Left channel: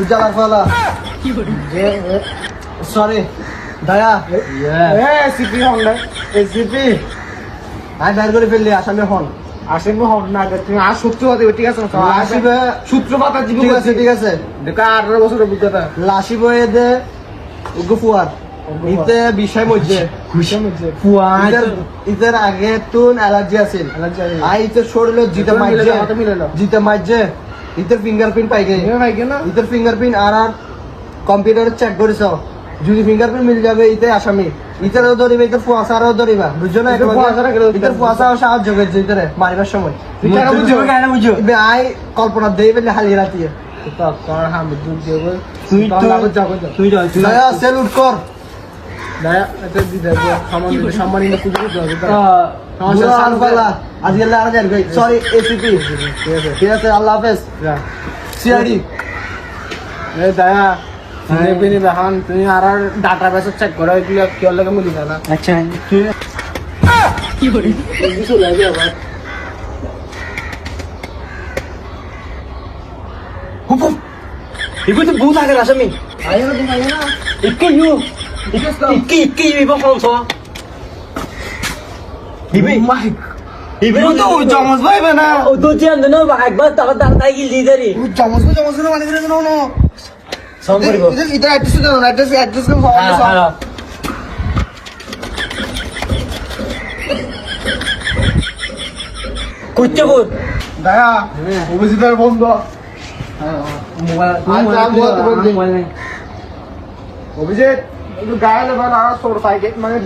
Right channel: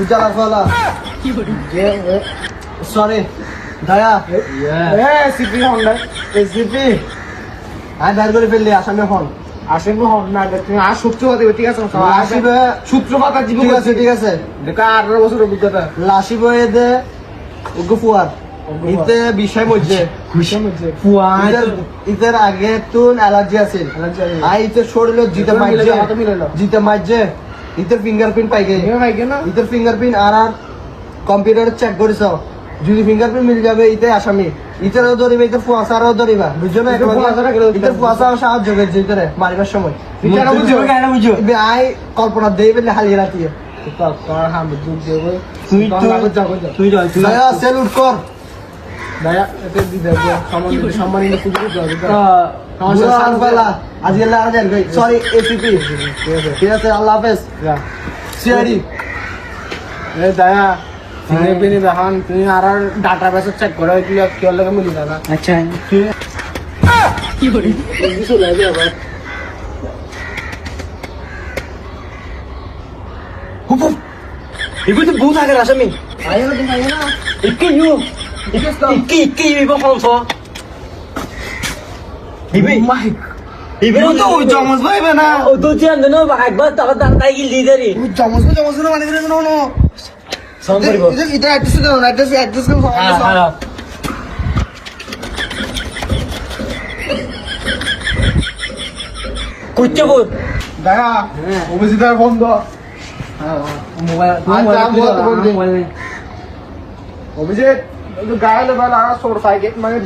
বুঝালা ফলা সরি দয়া CP Honda এই সিপি আর ডার করে ফেললি আসামে ফোন আসেন না তুমি আর সূত্রপাত ঠিক আছে আসিবে সূত্রপাত আর জীবন ঠিক আছে ঠিক আছে এটা 18 বছর অভিজ্ঞতা লাসি বয়ে দে গুফুয়ার ইতে বিষয় মধ্যে ইতের আগে তো অ্যালার্জি আছে আর ইতের শরীরে জিতে মারছে ইতের ফিঙ্গারপ্রিন্ট পাই গে ইতের ফিঙ্গারপ্রিন্ট আর কম্পিউটারে চেক করেছ যদি ফিঙ্গারপ্রিন্ট মিল যাবে ইতে আসামি ইতারও ধরিবে ইতার ফুয়াশারও ধরিবা বুঝছো না ইতার ফুয়াশা সাহায্য করছে ইতারে মারিবার সময় আই কল্পনা দেই বলে হালিয়ে রাতি তুই সেলুট কর সরি এসিপি ঠিক আছে আল্লাহ হাফেজ সিআইডি তুমি আর ডাটা বেসে চেক করো কি লাগে মিলি না আচ্ছা 이거 좀 못 하게 하셨니? 이거 이거 이거 이거 방송. 이거 또 정말 봐야 나 ও তো যে না না একবার টাকা দাম তাই কি লিডারি 정말 মানে করে না সংকরিব এটা অ্যাড্রেস দাও অ্যাড্রেস হ্যাঁ কইতে বল দয়া অভিজিতের বন্ধ অভিজিৎ গায়ে বলা সোর পাইকে মানে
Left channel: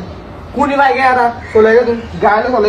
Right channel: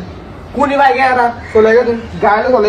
কোনি পাইকে আর চলে গেছে গায়ে বলে